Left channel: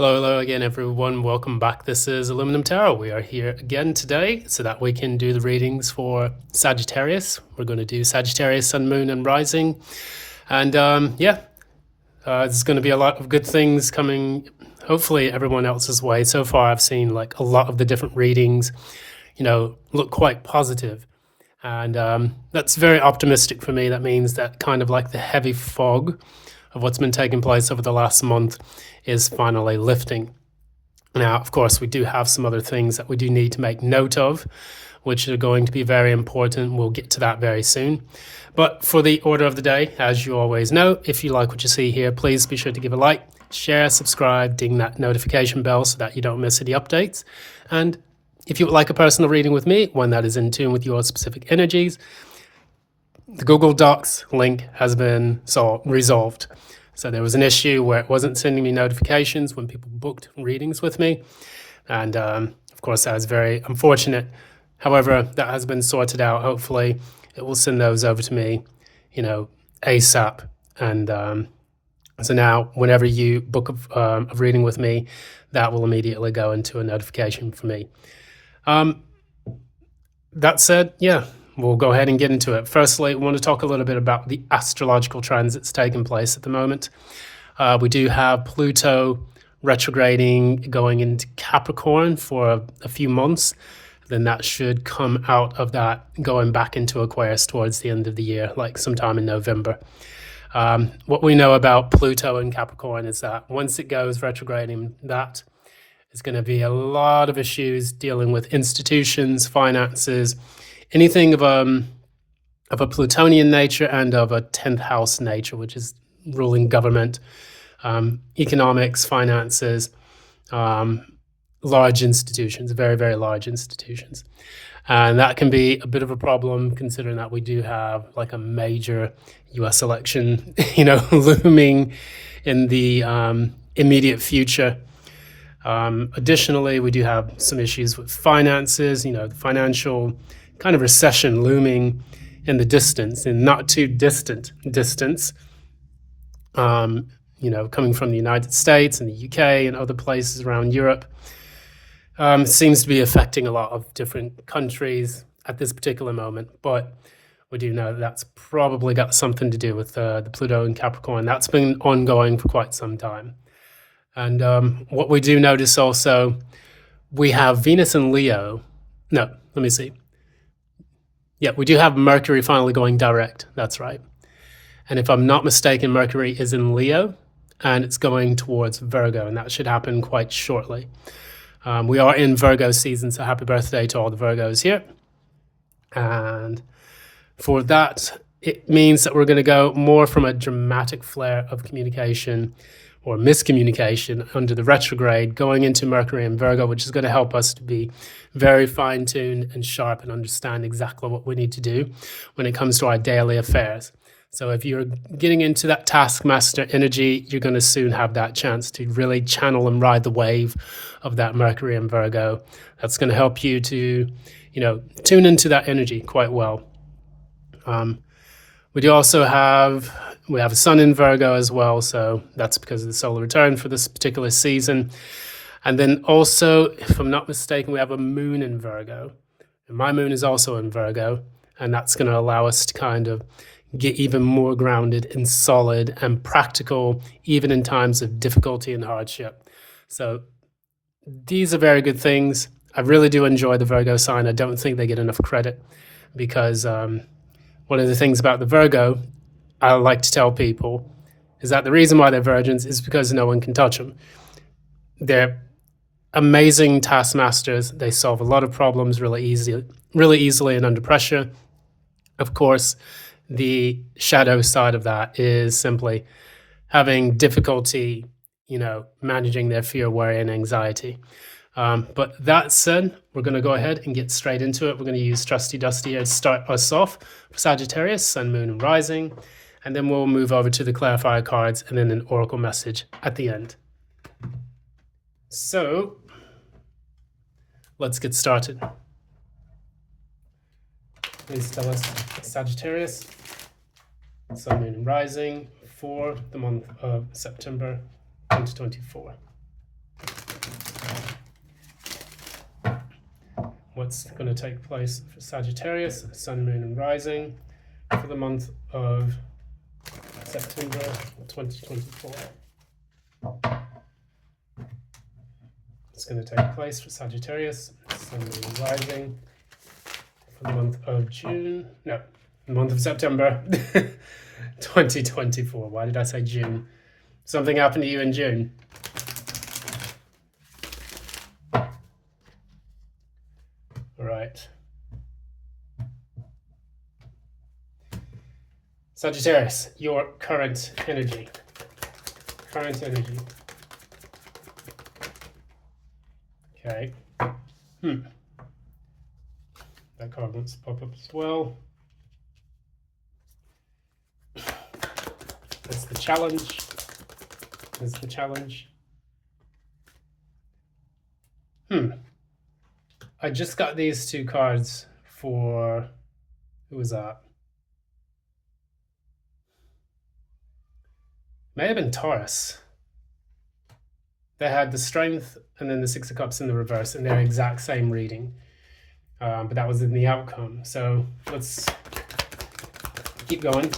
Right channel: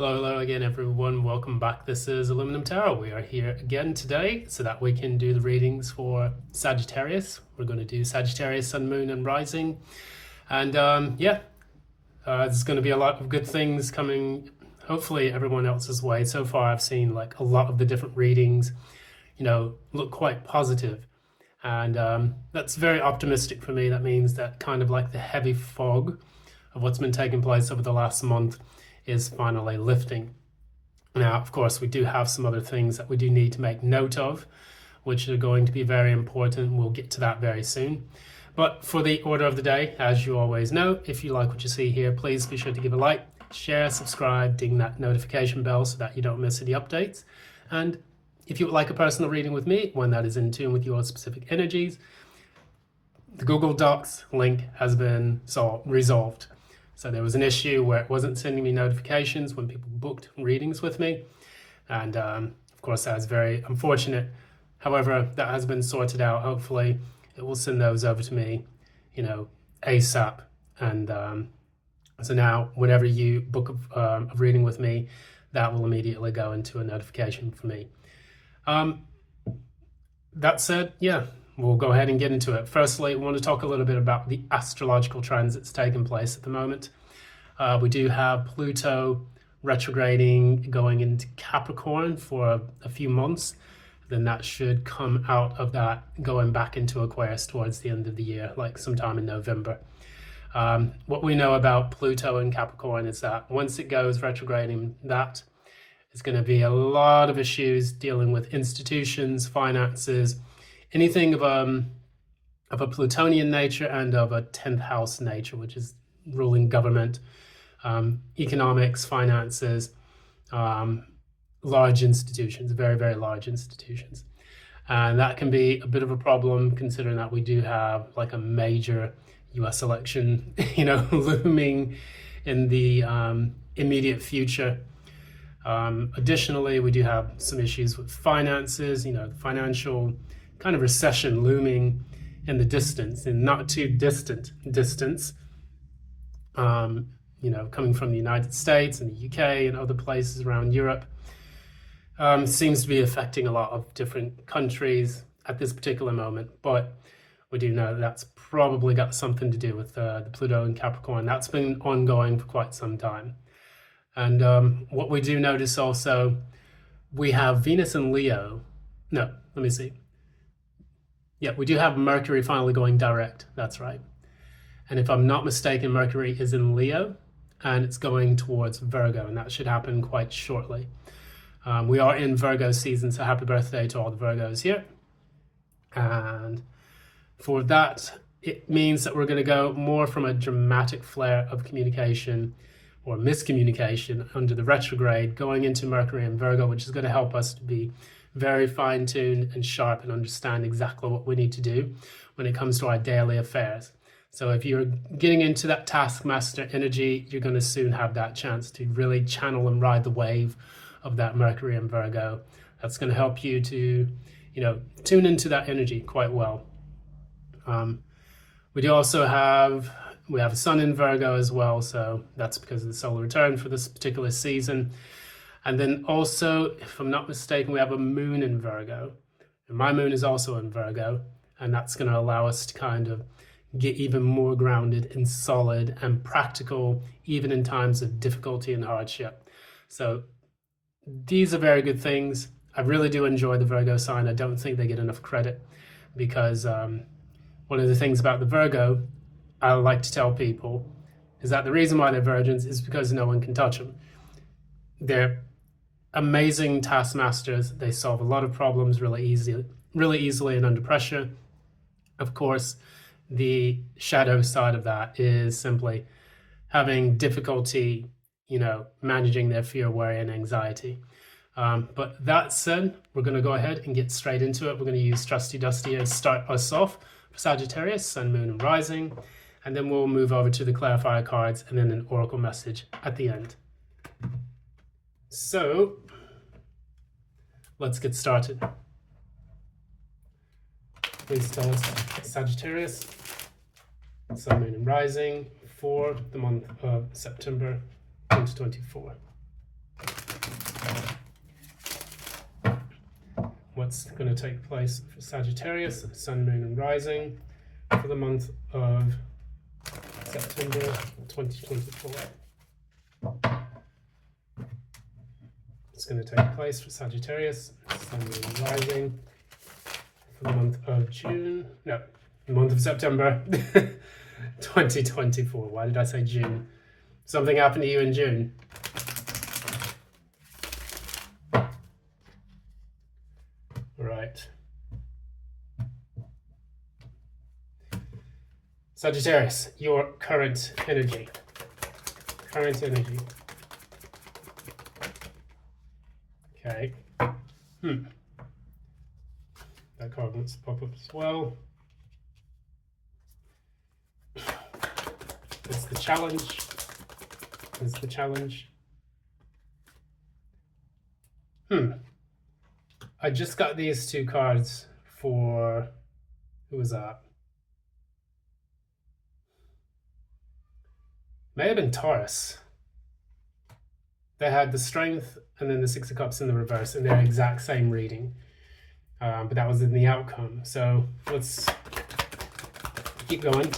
Hello again, everyone. Welcome back. This is Aluminum Tarot. We are here again today so that we can do the readings for Sagittarius. We're going to do Sagittarius, Sun, Moon, and Rising. And there's going to be a lot of good things coming, hopefully, everyone else's way. So far, I've seen like a lot of the different readings, look quite positive. And that's very optimistic for me. That means that kind of like the heavy fog of what's been taking place over the last month is finally lifting. Now, of course, we do have some other things that we do need to make note of, which are going to be very important. We'll get to that very soon. But for the order of the day, as you always know, if you like what you see here, please be sure to give a like, share, subscribe, ding that notification bell so that you don't miss any updates. And if you would like a personal reading with me, one that is in tune with your specific energies, the Google Docs link has been resolved. So there was an issue where it wasn't sending me notifications when people booked readings with me. And of course, that was very unfortunate. However, that has been sorted out. Hopefully, it will send those over to me, ASAP. And so now, whenever you book a reading with me, that will immediately go into a notification for me. That said, we'll go ahead and get into it. Firstly, I want to talk a little bit about the astrological transits taking place at the moment. We do have Pluto retrograding going into Capricorn for a few months. Then that should come out of that going back into Aquarius towards the end of the year, like sometime in November. What we know about Pluto and Capricorn is that once it goes retrograding, that is going to be a lot of issues dealing with institutions, finances, anything of a Plutonian nature and of a 10th house nature, which is ruling government, economics, finances, large institutions, very, very large institutions. And that can be a bit of a problem considering that we do have like a major US election, looming in the immediate future. Additionally, we do have some issues with finances, the financial kind of recession looming in the distance, in not too distant distance, coming from the United States and the UK and other places around Europe. It seems to be affecting a lot of different countries at this particular moment, but we do know that's probably got something to do with the Pluto and Capricorn. That's been ongoing for quite some time. And what we do notice also, we have Venus and Leo. No, let me see. Yeah, we do have Mercury finally going direct. That's right. And if I'm not mistaken, Mercury is in Leo and it's going towards Virgo, and that should happen quite shortly. We are in Virgo season, so happy birthday to all the Virgos here. And for that, it means that we're going to go more from a dramatic flare of communication or miscommunication under the retrograde going into Mercury and Virgo, which is going to help us to be very fine-tuned and sharp and understand exactly what we need to do when it comes to our daily affairs. So if you're getting into that taskmaster energy, you're going to soon have that chance to really channel and ride the wave of that Mercury and Virgo. That's going to help you to, tune into that energy quite well. We do also have a sun in Virgo as well, so that's because of the solar return for this particular season. And then also, if I'm not mistaken, we have a moon in Virgo. And my moon is also in Virgo, and that's going to allow us to kind of get even more grounded and solid and practical, even in times of difficulty and hardship. So these are very good things. I really do enjoy the Virgo sign. I don't think they get enough credit because one of the things about the Virgo, I like to tell people, is that the reason why they're virgins is because no one can touch them. They're amazing taskmasters. They solve a lot of problems really easily and under pressure. Of course, the shadow side of that is simply having difficulty, managing their fear, worry, and anxiety. But that said, we're going to go ahead and get straight into it. We're going to use Trusty Dusty here to start us off for Sagittarius, Sun, Moon, and Rising. And then we'll move over to the clarifier cards and then an oracle message at the end. So let's get started. Please tell us Sagittarius, Sun, Moon, and Rising for the month of September 2024. what's going to take place for Sagittarius, Sun, Moon, and Rising for the month of September 2024. It's going to take place for Sagittarius, Sun, Moon, and Rising for the month of the month of September 2024. Why did I say June? Something happened to you in June? All right. Sagittarius, your current energy. Current energy. Okay. That card wants to pop up as well. That's the challenge. That's the challenge. I just got these two cards for, who was that? May have been Taurus. They had the Strength and then the Six of Cups in the reverse, and they're exact same reading. But that was in the outcome. So let's keep going.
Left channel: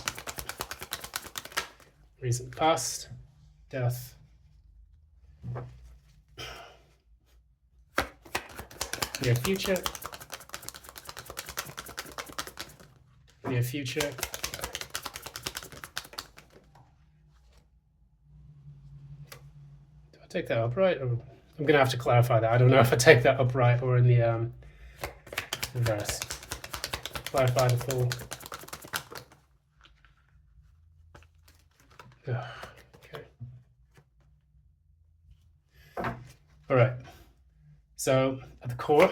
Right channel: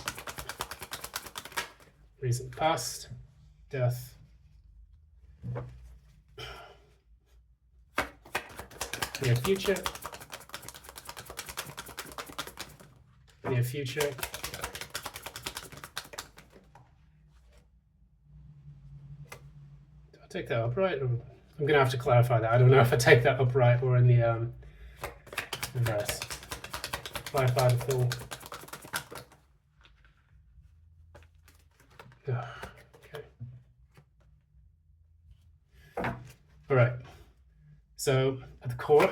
Recent past, death. Near future. Near future. Do I take that upright? Or I'm going to have to clarify that. I don't know if I take that upright or in the reverse. Clarify the full. Okay. All right. So at the core,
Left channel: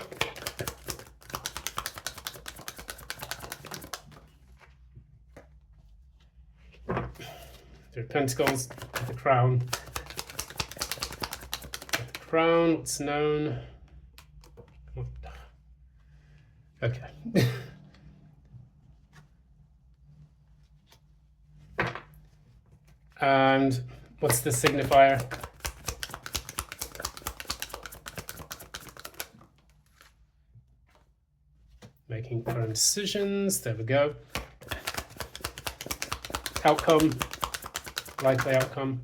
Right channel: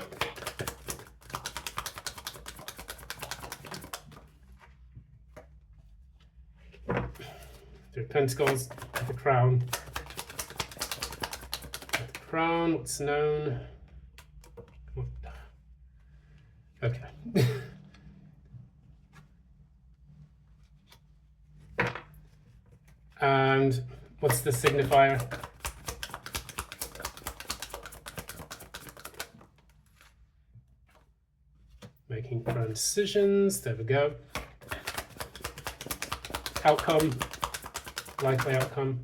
Three of Pentacles, at the crown. At the crown, what's known? Okay. And what's the signifier? Making firm decisions. There we go. Outcome. Likely outcome.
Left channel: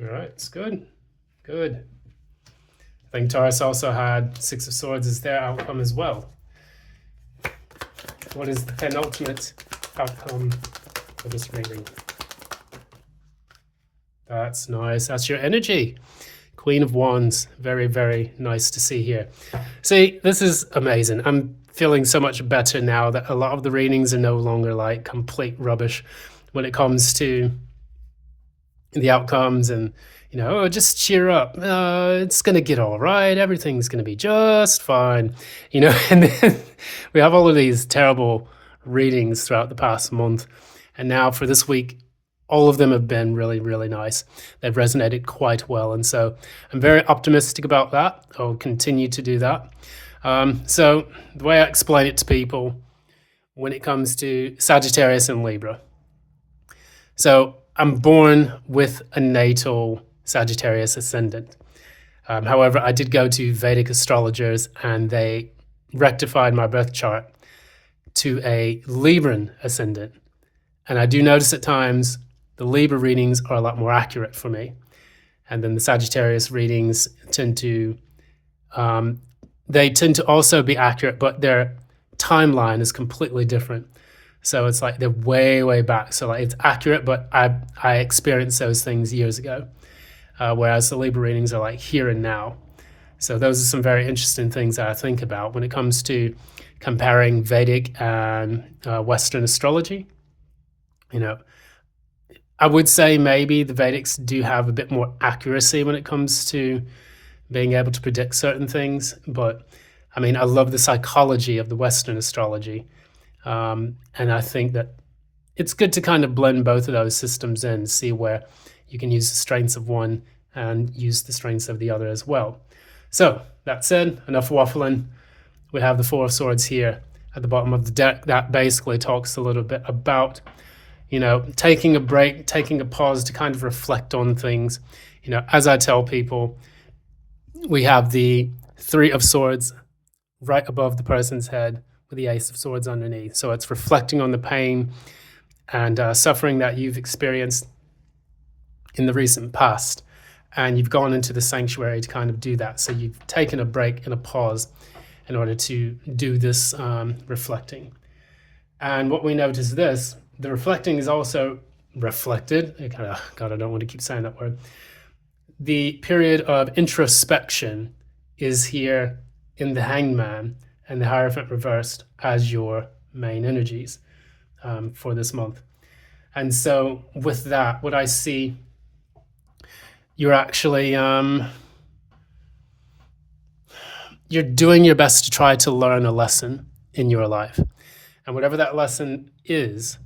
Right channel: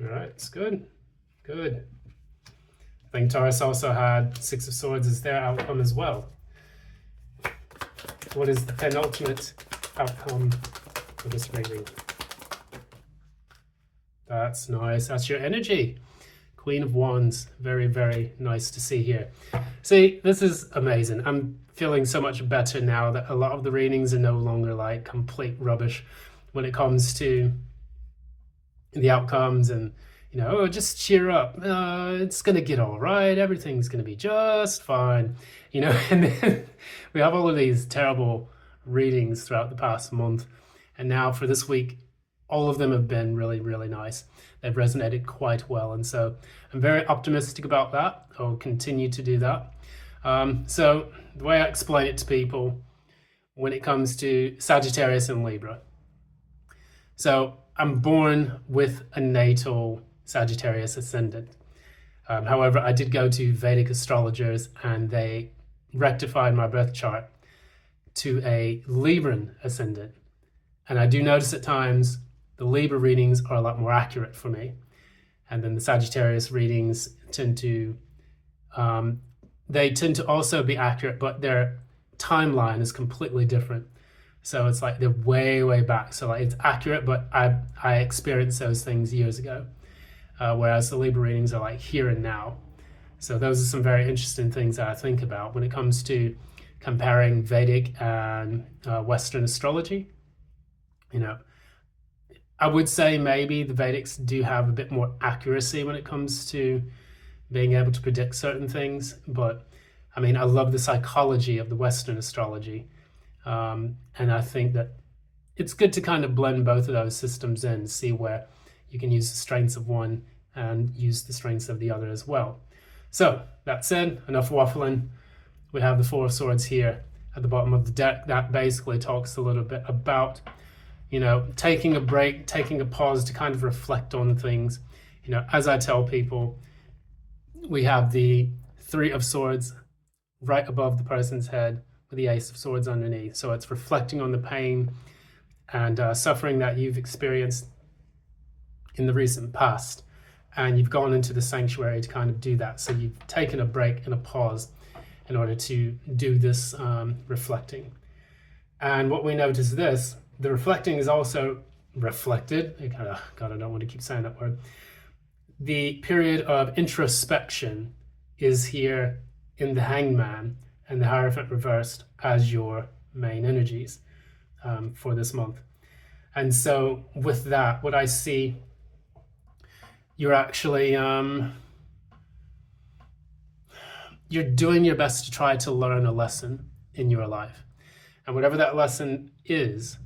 All right, it's good. Good. I think Taurus also had Six of Swords as their outcome as well. What is the penultimate outcome for this reading? That's nice. That's your energy. Queen of Wands. Very, very nice to see here. See, this is amazing. I'm feeling so much better now that a lot of the readings are no longer like complete rubbish when it comes to the outcomes and, you know, oh, just cheer up. It's going to get all right. Everything's going to be just fine. You know, and then we have all of these terrible readings throughout the past month. And now for this week, all of them have been really, really nice. They've resonated quite well. And so I'm very optimistic about that. I'll continue to do that. So the way I explain it to people when it comes to Sagittarius and Libra. So I'm born with a natal Sagittarius ascendant. However, I did go to Vedic astrologers and they rectified my birth chart to a Libran ascendant. And I do notice at times the Libra readings are a lot more accurate for me. And then the Sagittarius readings tend to also be accurate, but their timeline is completely different. So it's like they're way, way back. So like it's accurate, but I experienced those things years ago. Whereas the Libra readings are like here and now. So those are some very interesting things that I think about when it comes to comparing Vedic and Western astrology. You know, I would say maybe the Vedics do have a bit more accuracy when it comes to being able to predict certain things. But I mean, I love the psychology of the Western astrology. And I think that it's good to kind of blend both of those systems in, see where you can use the strengths of one and use the strengths of the other as well. So that said, enough waffling. We have the Four of Swords here at the bottom of the deck. That basically talks a little bit about, you know, taking a break, taking a pause to kind of reflect on things. You know, as I tell people, we have the Three of Swords right above the person's head with the Ace of Swords underneath. So it's reflecting on the pain and suffering that you've experienced in the recent past. And you've gone into the sanctuary to kind of do that. So you've taken a break and a pause in order to do this reflecting. And what we notice is this, the reflecting is also reflected. God, I don't want to keep saying that word. The period of introspection is here in the Hangman and the Hierophant reversed as your main energies for this month. And so with that, what I see, you're actually, you're doing your best to try to learn a lesson in your life. And whatever that lesson is,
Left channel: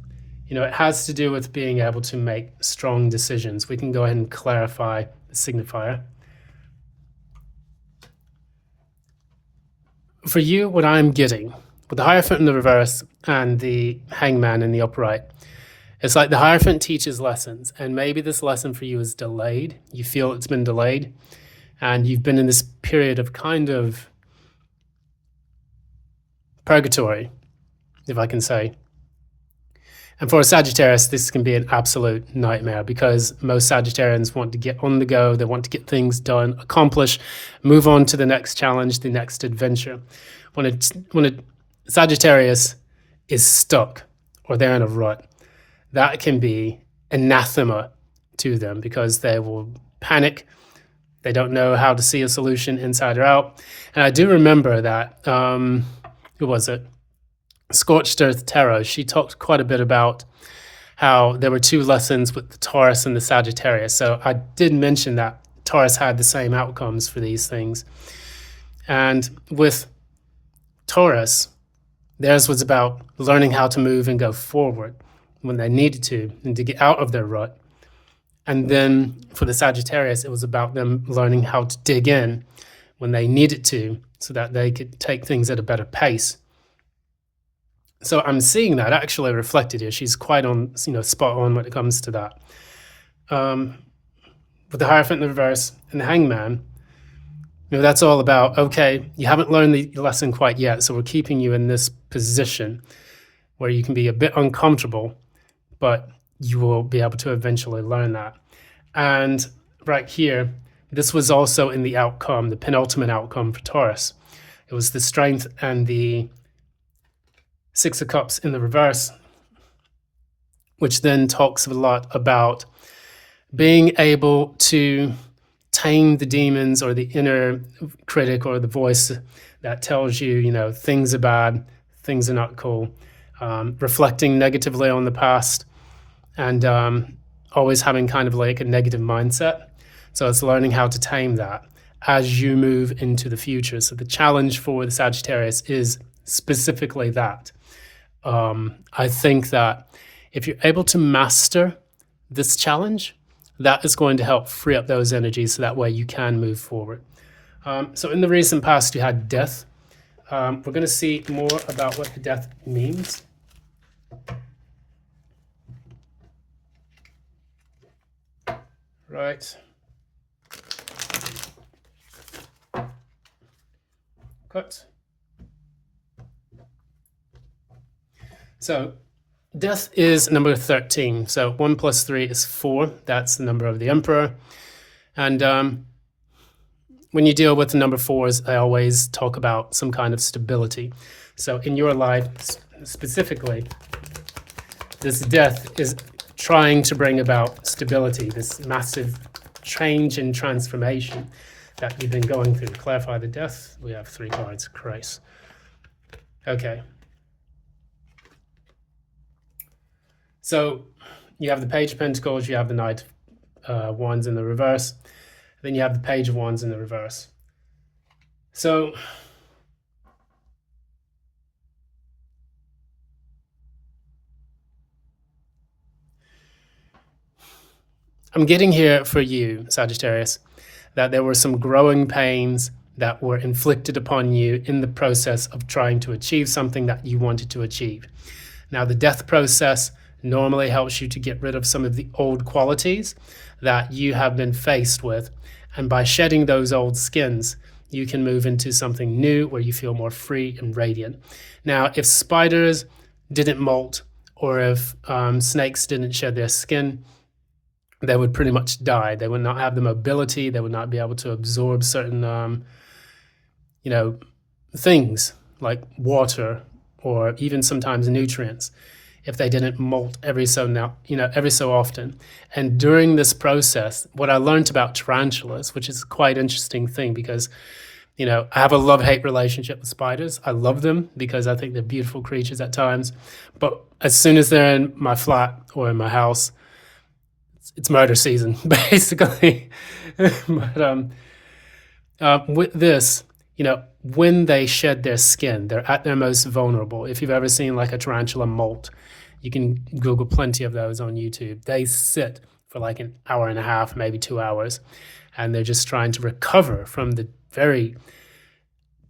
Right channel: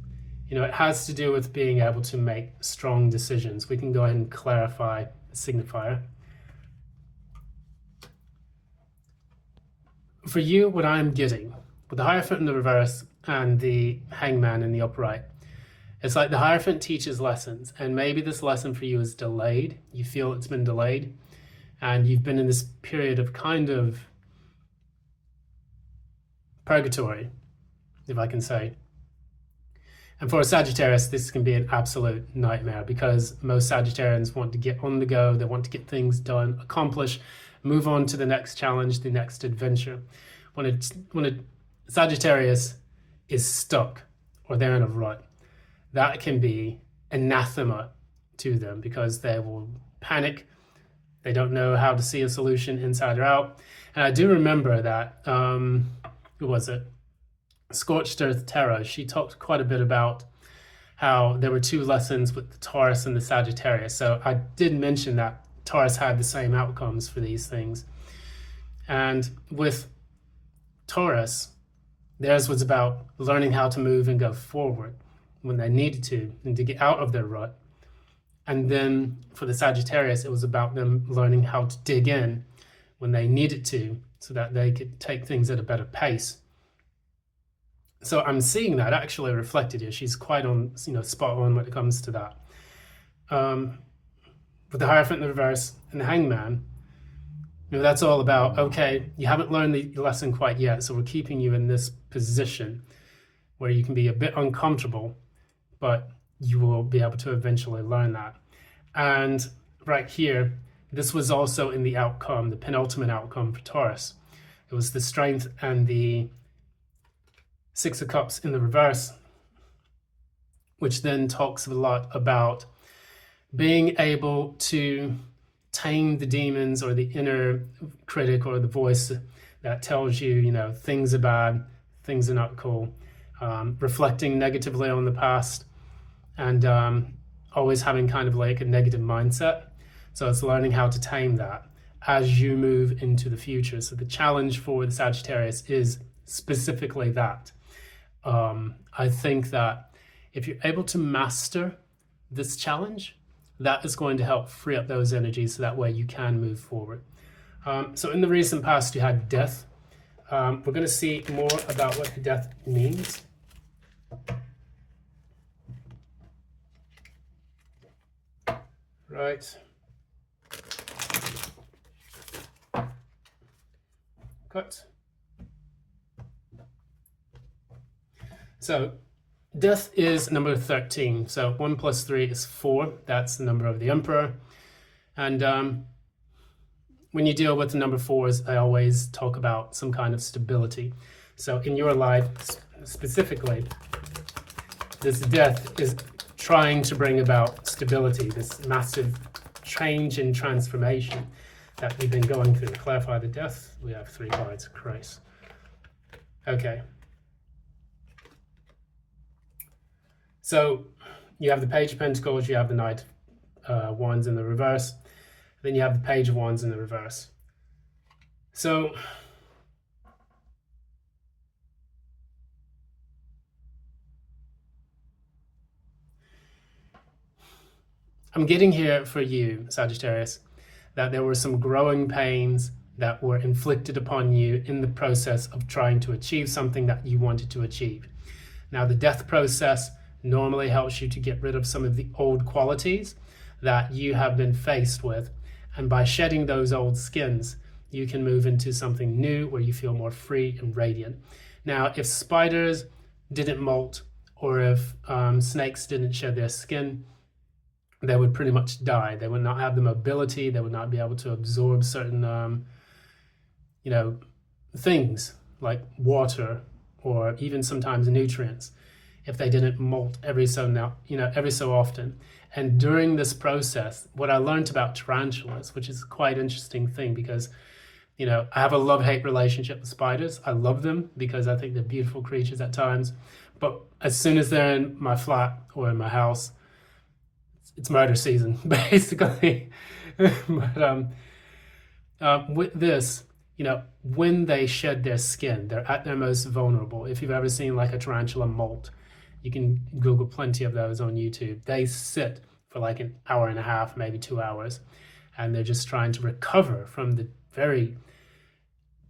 it has to do with being able to make strong decisions. We can go ahead and clarify the signifier. For you, what I'm getting, with the Hierophant in the reverse and the Hangman in the upright, it's like the Hierophant teaches lessons, and maybe this lesson for you is delayed. You feel it's been delayed, and you've been in this period of kind of purgatory, if I can say. And for a Sagittarius, this can be an absolute nightmare because most Sagittarians want to get on the go. They want to get things done, accomplish, move on to the next challenge, the next adventure. When a Sagittarius is stuck or they're in a rut, that can be anathema to them because they will panic. They don't know how to see a solution inside or out. And I do remember that, who was it? Scorched Earth Tarot. She talked quite a bit about how there were two lessons with the Taurus and the Sagittarius. So I did mention that Taurus had the same outcomes for these things. And with Taurus, theirs was about learning how to move and go forward when they needed to and to get out of their rut. And then for the Sagittarius, it was about them learning how to dig in when they needed to so that they could take things at a better pace. So I'm seeing that actually reflected here. She's quite on, spot on when it comes to that. With the Hierophant in the reverse and the Hangman, that's all about, okay, you haven't learned the lesson quite yet, so we're keeping you in this position where you can be a bit uncomfortable, but you will be able to eventually learn that. And right here, this was also in the outcome, the penultimate outcome for Taurus. It was the Strength and the Six of Cups in the reverse, which then talks a lot about being able to tame the demons or the inner critic or the voice that tells you, things are bad, things are not cool, reflecting negatively on the past and always having kind of like a negative mindset. So it's learning how to tame that as you move into the future. So the challenge for the Sagittarius is specifically that. I think that if you're able to master this challenge, that is going to help free up those energies so that way you can move forward. So in the recent past, you had death. We're going to see more about what the death means. Right. Cut. So death is number 13. So 1 plus 3 is 4. That's the number of the Emperor. And when you deal with the number 4s, I always talk about some kind of stability. So in your life, specifically, this death is trying to bring about stability, this massive change and transformation that you've been going through. To clarify the death, we have 3 cards. Christ. Okay. So you have the Page of Pentacles, you have the Knight of Wands in the reverse, then you have the Page of Wands in the reverse. So I'm getting here for you, Sagittarius, that there were some growing pains that were inflicted upon you in the process of trying to achieve something that you wanted to achieve. Now, the death process normally helps you to get rid of some of the old qualities that you have been faced with And by shedding those old skins, you can move into something new where you feel more free and radiant. Now, if spiders didn't molt, or if snakes didn't shed their skin, they would pretty much die. They would not have the mobility. They would not be able to absorb certain, things like water or even sometimes nutrients if they didn't molt every so often. And during this process, what I learned about tarantulas, which is quite interesting thing, because I have a love-hate relationship with spiders. I love them because I think they're beautiful creatures at times. But as soon as they're in my flat or in my house, it's murder season, basically. But with this, when they shed their skin, they're at their most vulnerable. If you've ever seen like a tarantula molt, you can Google plenty of those on YouTube. They sit for like an hour and a half, maybe 2 hours, and they're just trying to recover from the very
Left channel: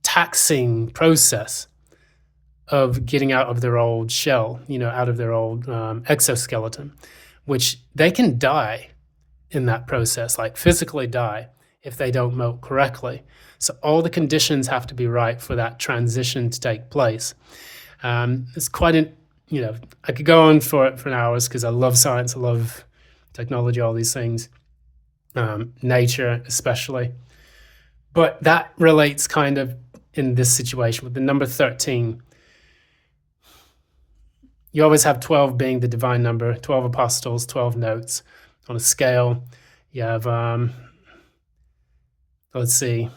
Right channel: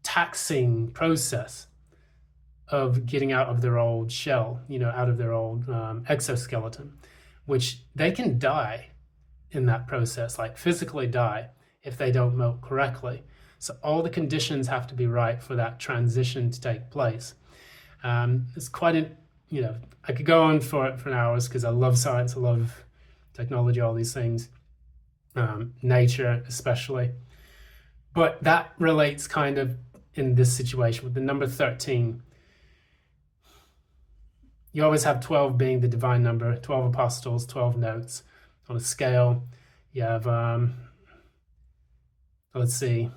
taxing process of getting out of their old shell, out of their old exoskeleton, which they can die in that process, like physically die if they don't molt correctly. So all the conditions have to be right for that transition to take place. It's quite I could go on for hours because I love science, I love technology, all these things, nature especially. But that relates kind of in this situation with the number 13. You always have 12 being the divine number, 12 apostles, 12 notes on a scale. You have, let's see,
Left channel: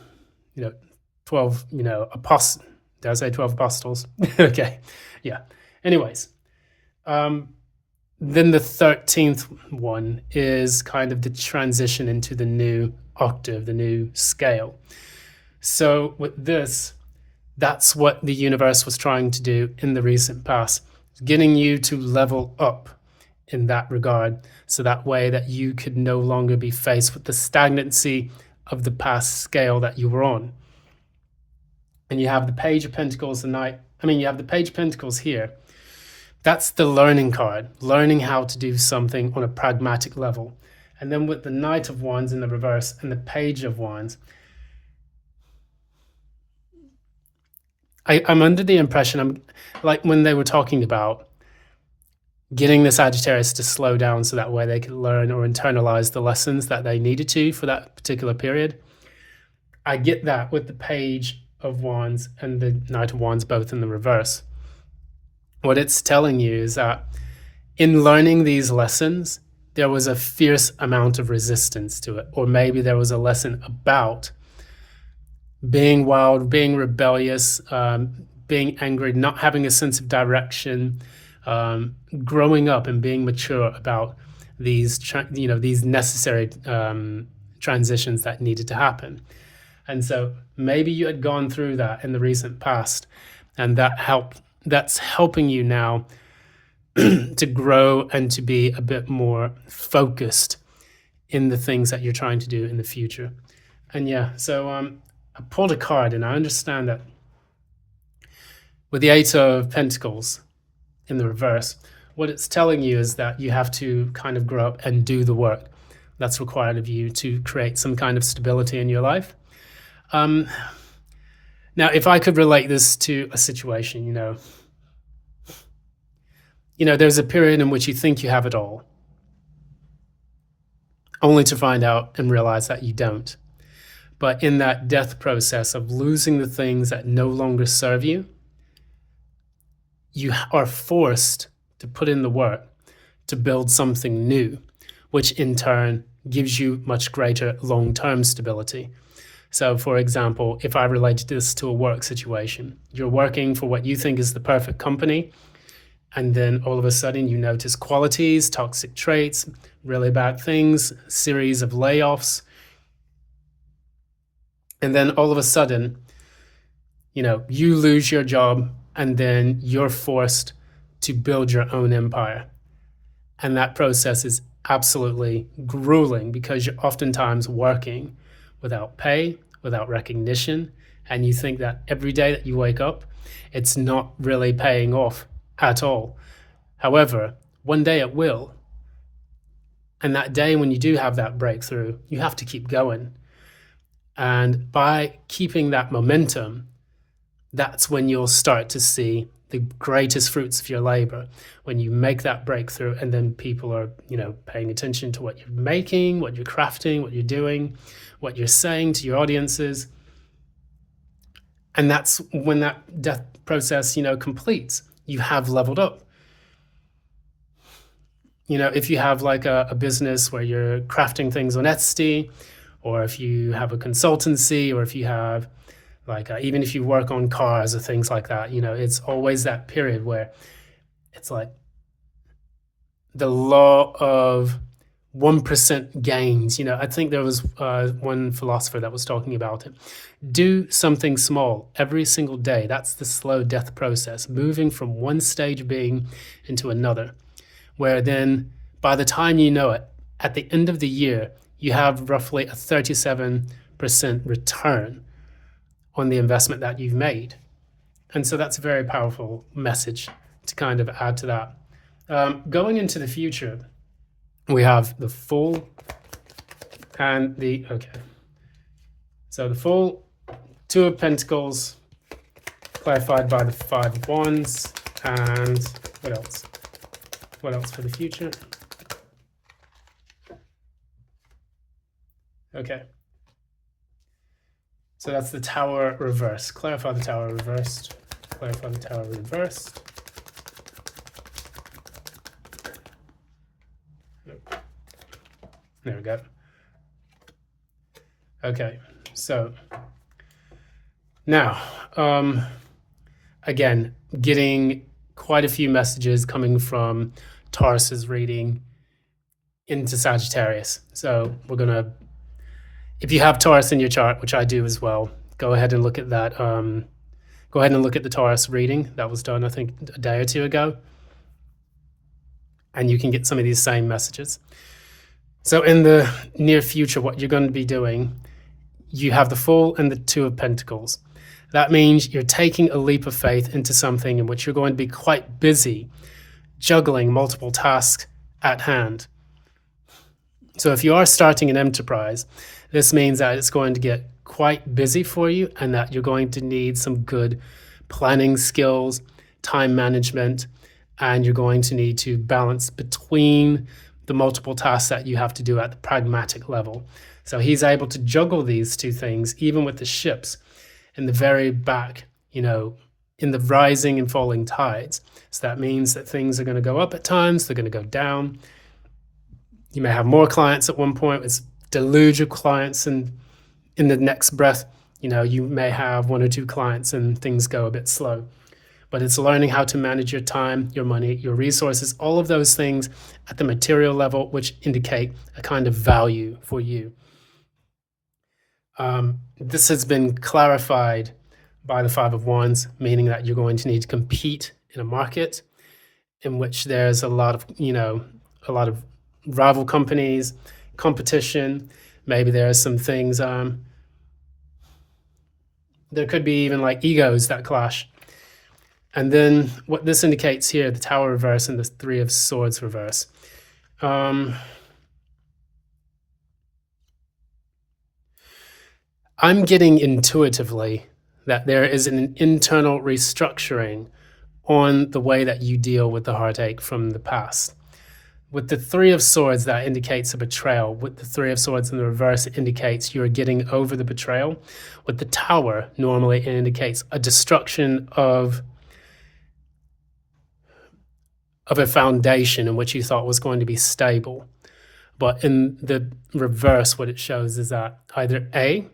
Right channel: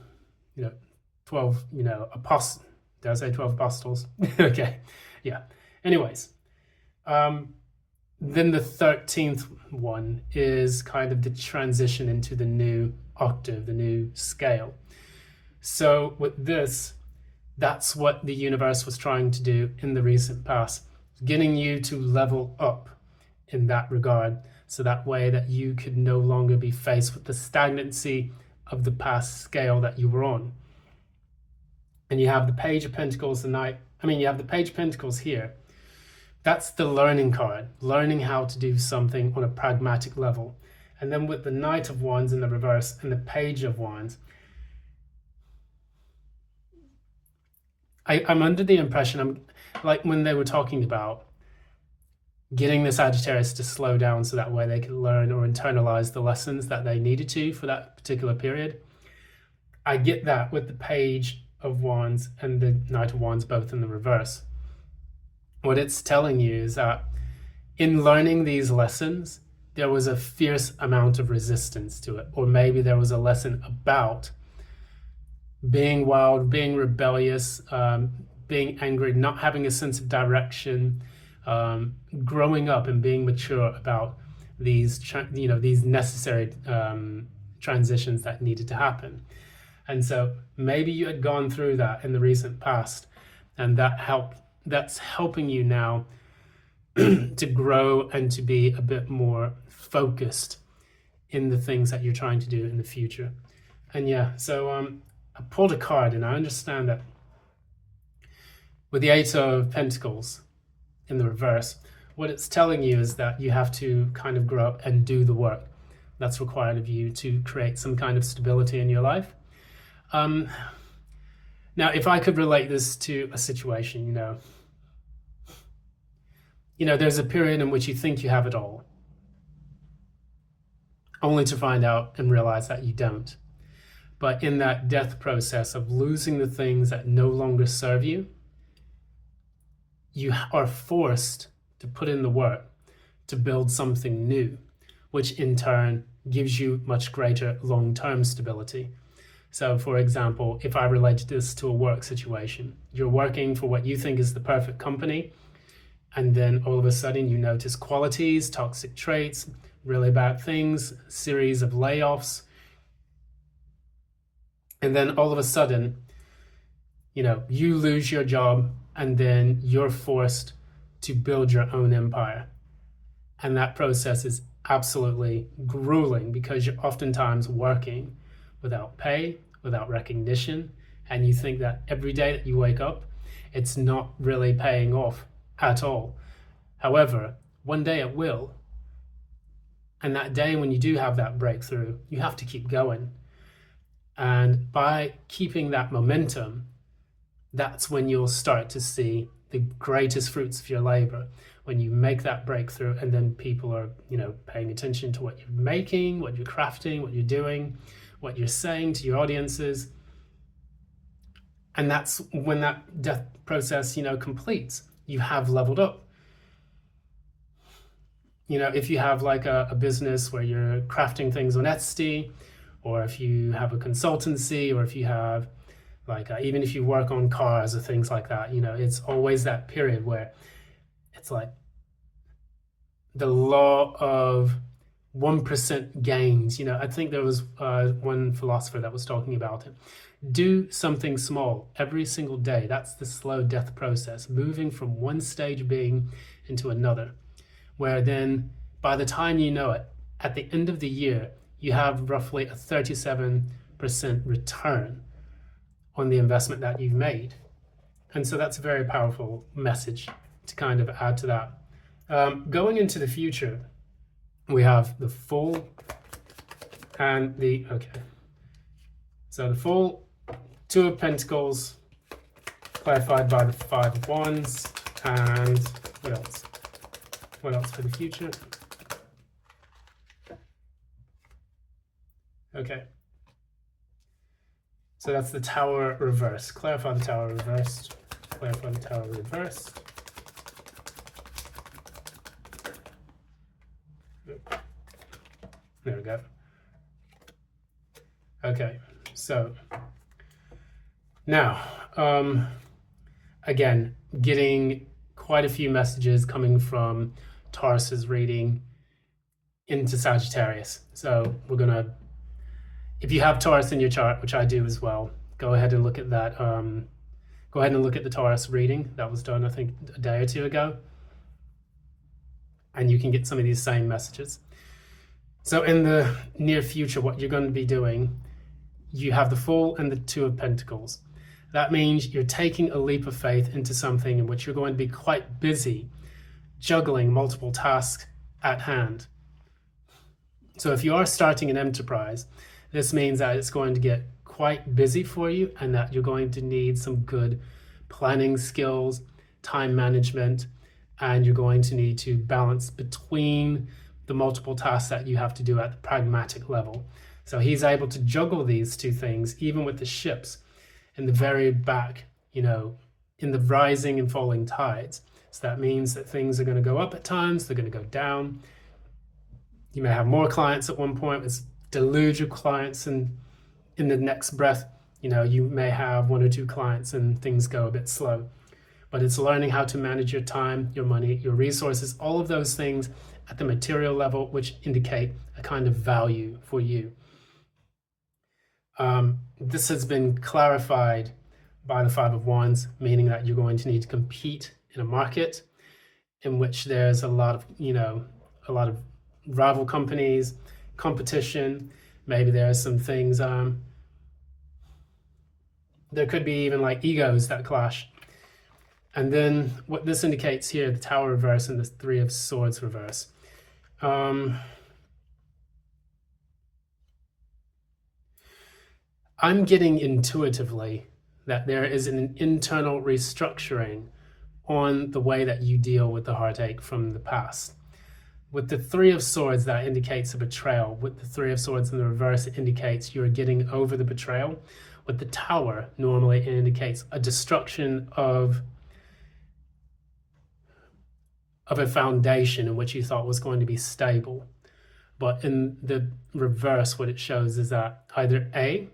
12, apostles. Did I say 12 apostles? Okay, yeah. Anyways, then the 13th one is kind of the transition into the new octave, the new scale. So with this, that's what the universe was trying to do in the recent past, getting you to level up in that regard, so that way that you could no longer be faced with the stagnancy of the past scale that you were on. And you have the Page of Pentacles you have the Page of Pentacles here. That's the learning card, learning how to do something on a pragmatic level. And then with the Knight of Wands in the reverse and the Page of Wands, I'm under the impression, like when they were talking about getting the Sagittarius to slow down so that way they could learn or internalize the lessons that they needed to for that particular period. I get that with the Page of Wands and the Knight of Wands both in the reverse. What it's telling you is that in learning these lessons, there was a fierce amount of resistance to it, or maybe there was a lesson about being wild, being rebellious, being angry, not having a sense of direction, growing up and being mature about these necessary transitions that needed to happen. And so maybe you had gone through that in the recent past, and that's helping you now to grow and to be a bit more focused in the things that you're trying to do in the future. And yeah, so I pulled a card, and I understand that with the Eight of Pentacles in the reverse, what it's telling you is that you have to kind of grow up and do the work that's required of you to create some kind of stability in your life. Now, if I could relate this to a situation, there's a period in which you think you have it all, only to find out and realize that you don't. But in that death process of losing the things that no longer serve you, you are forced to put in the work to build something new, which in turn gives you much greater long-term stability. So for example, if I related this to a work situation, you're working for what you think is the perfect company, and then all of a sudden you notice qualities, toxic traits, really bad things, series of layoffs. And then all of a sudden, you lose your job, and then you're forced to build your own empire. And that process is absolutely grueling because you're oftentimes working without pay, without recognition, and you think that every day that you wake up, it's not really paying off at all. However, one day it will. And that day when you do have that breakthrough, you have to keep going. And by keeping that momentum, that's when you'll start to see the greatest fruits of your labor, when you make that breakthrough, and then people are, paying attention to what you're making, what you're crafting, what you're doing, what you're saying to your audiences. And that's when that death process, completes. You have leveled up. If you have like a business where you're crafting things on Etsy, or if you have a consultancy, or if you have like even if you work on cars or things like that, it's always that period where it's like the law of 1% gains. I think there was one philosopher that was talking about it. Do something small every single day. That's the slow death process, moving from one stage of being into another, where then by the time you know it, at the end of the year, you have roughly a 37% return on the investment that you've made. And so that's a very powerful message to kind of add to that. Going into the future, we have the Fool and the, okay. So the Fool, Two of Pentacles, clarified by the Five of Wands, and what else? What else for the future? Okay. So that's the Tower reversed. Clarify the Tower reversed. Clarify the Tower reversed. There we go. Okay, so now, again, getting quite a few messages coming from Taurus's reading into Sagittarius. So we're gonna, if you have Taurus in your chart, which I do as well, go ahead and look at that. Go ahead and look at the Taurus reading that was done, I think, a day or two ago. And you can get some of these same messages. So in the near future, what you're going to be doing, you have the Fool and the Two of Pentacles. That means you're taking a leap of faith into something in which you're going to be quite busy juggling multiple tasks at hand. So if you are starting an enterprise, this means that it's going to get quite busy for you, and that you're going to need some good planning skills, time management, and you're going to need to balance between the multiple tasks that you have to do at the pragmatic level. So he's able to juggle these two things, even with the ships in the very back, in the rising and falling tides. So that means that things are going to go up at times, they're going to go down. You may have more clients at one point, it's deluge of clients, and in the next breath, you may have one or two clients and things go a bit slow. But it's learning how to manage your time, your money, your resources, all of those things at the material level, which indicate a kind of value for you. This has been clarified by the Five of Wands, meaning that you're going to need to compete in a market in which there's a lot of rival companies, competition. Maybe there are some things, there could be even like egos that clash. And then what this indicates here, the Tower reverse and the Three of Swords reverse. I'm getting intuitively that there is an internal restructuring on the way that you deal with the heartache from the past. With the Three of Swords, that indicates a betrayal. With the Three of Swords in the reverse, it indicates you're getting over the betrayal. With the Tower, normally it indicates a destruction of a foundation in which you thought was going to be stable. But in the reverse, what it shows is that either A,